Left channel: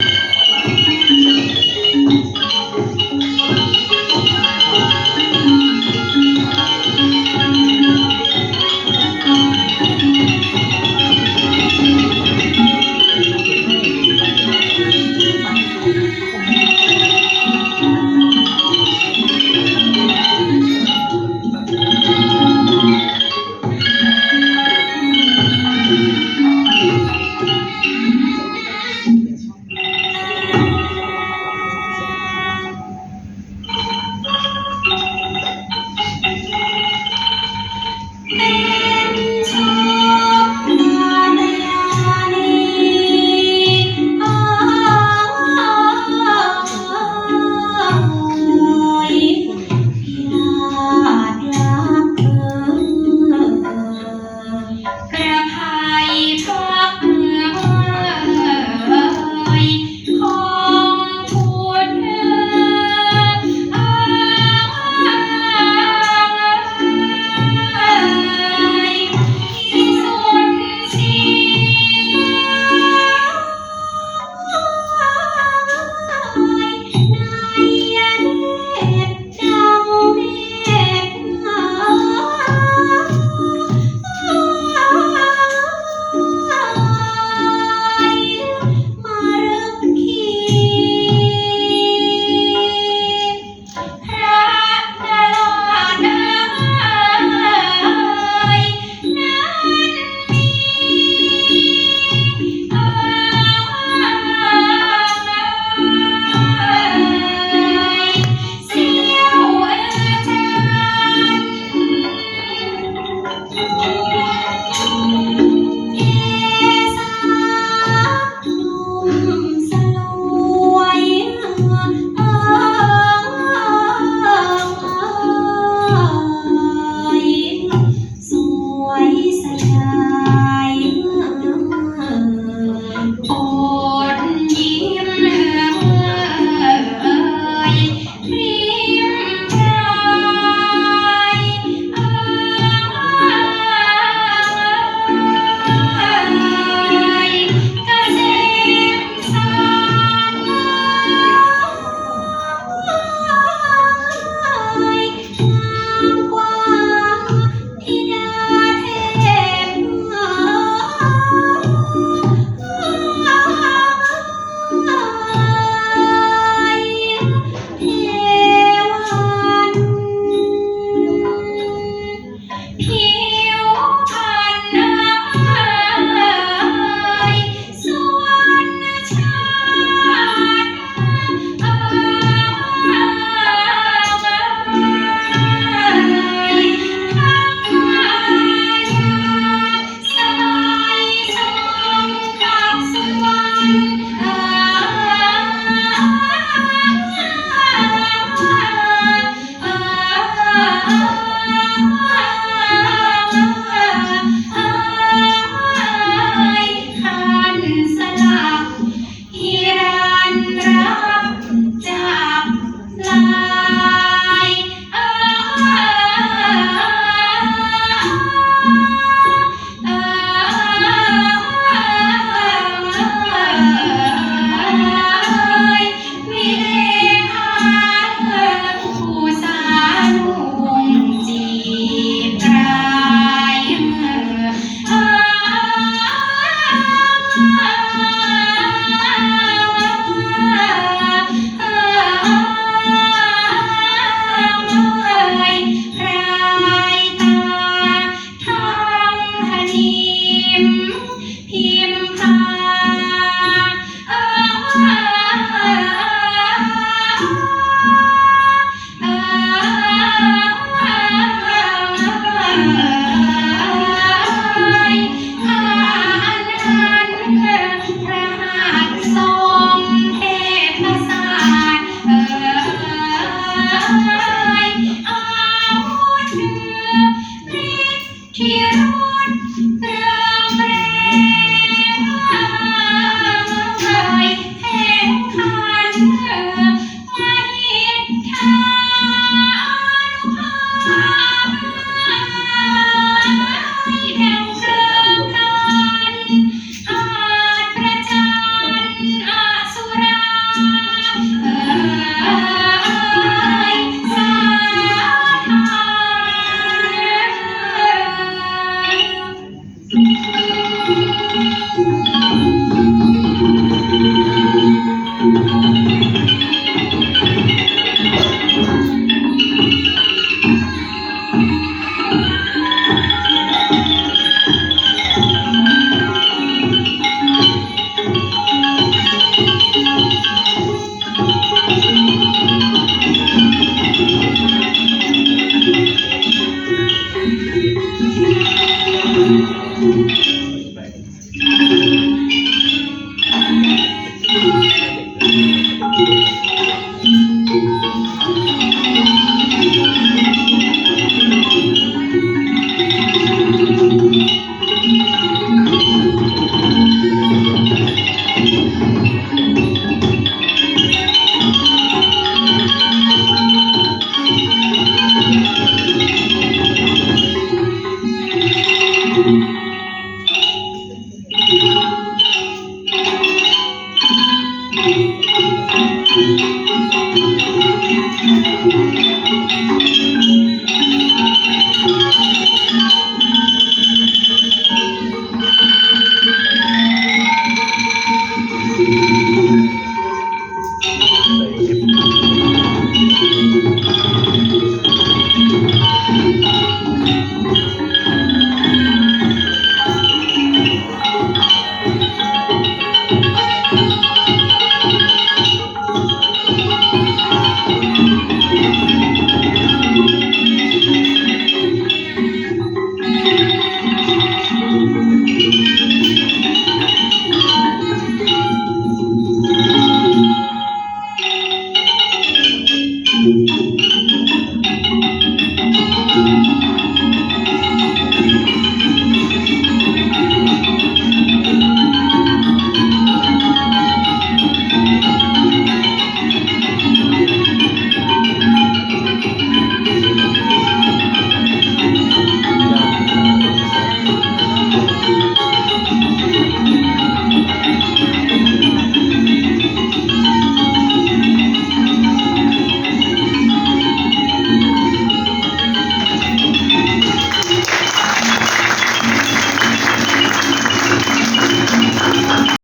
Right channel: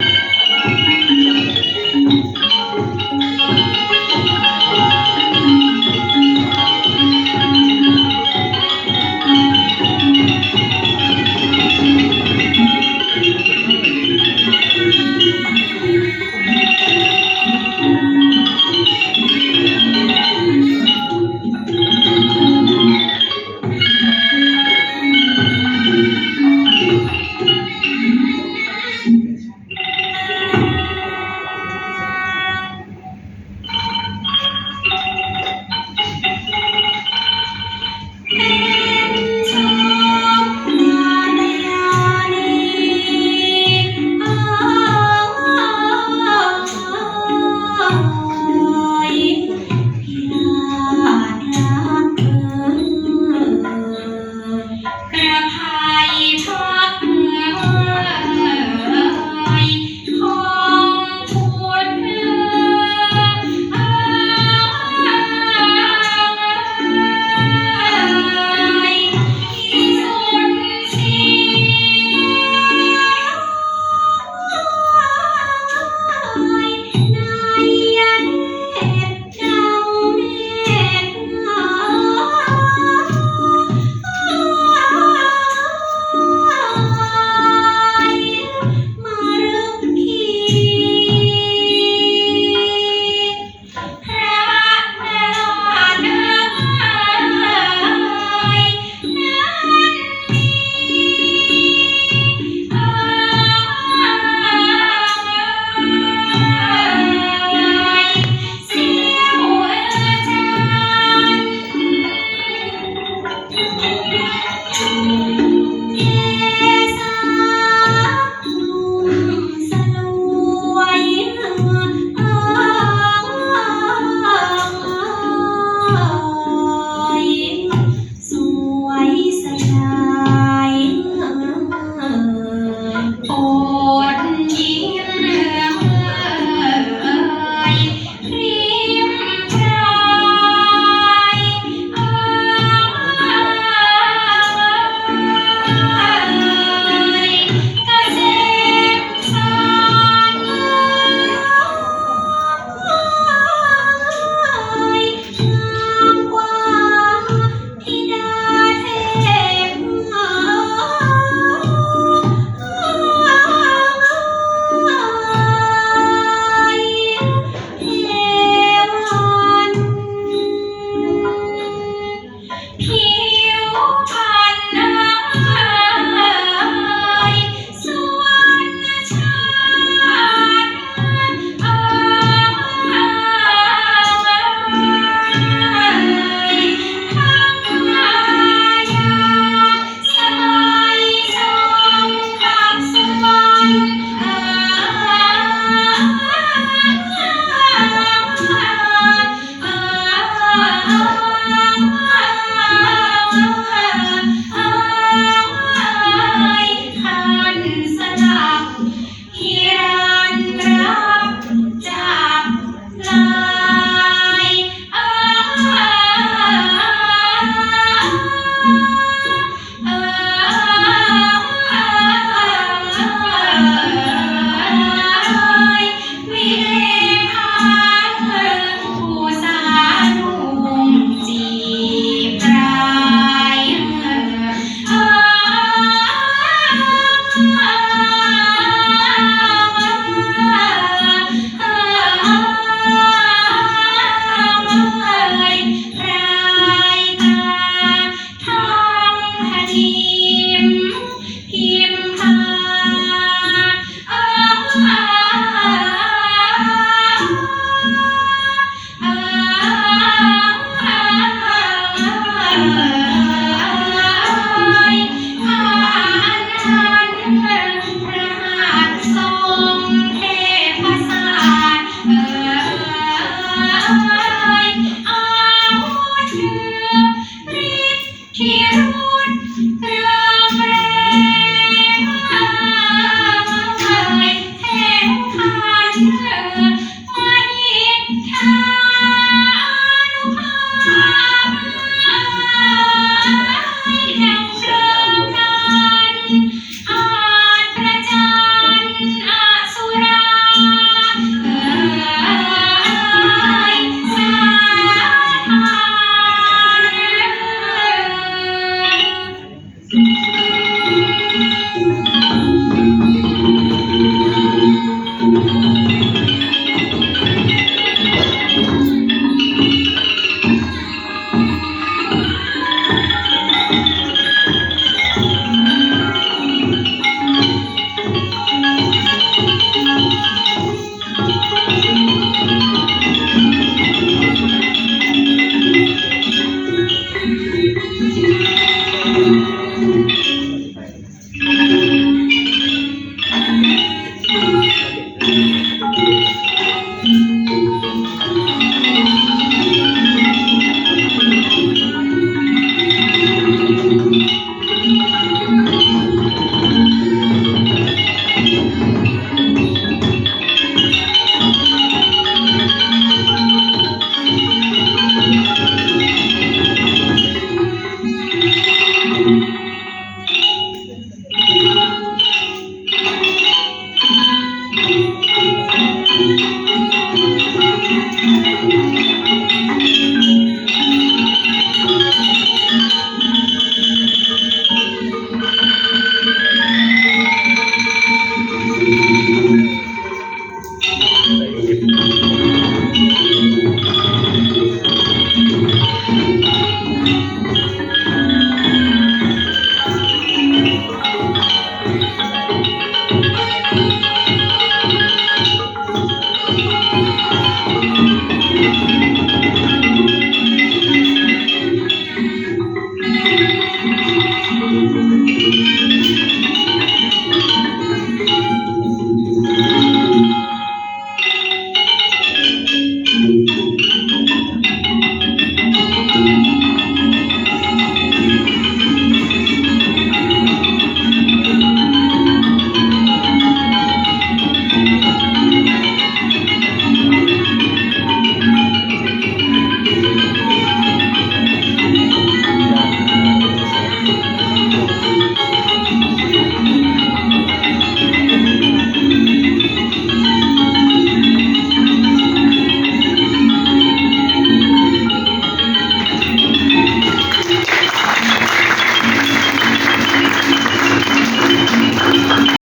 ก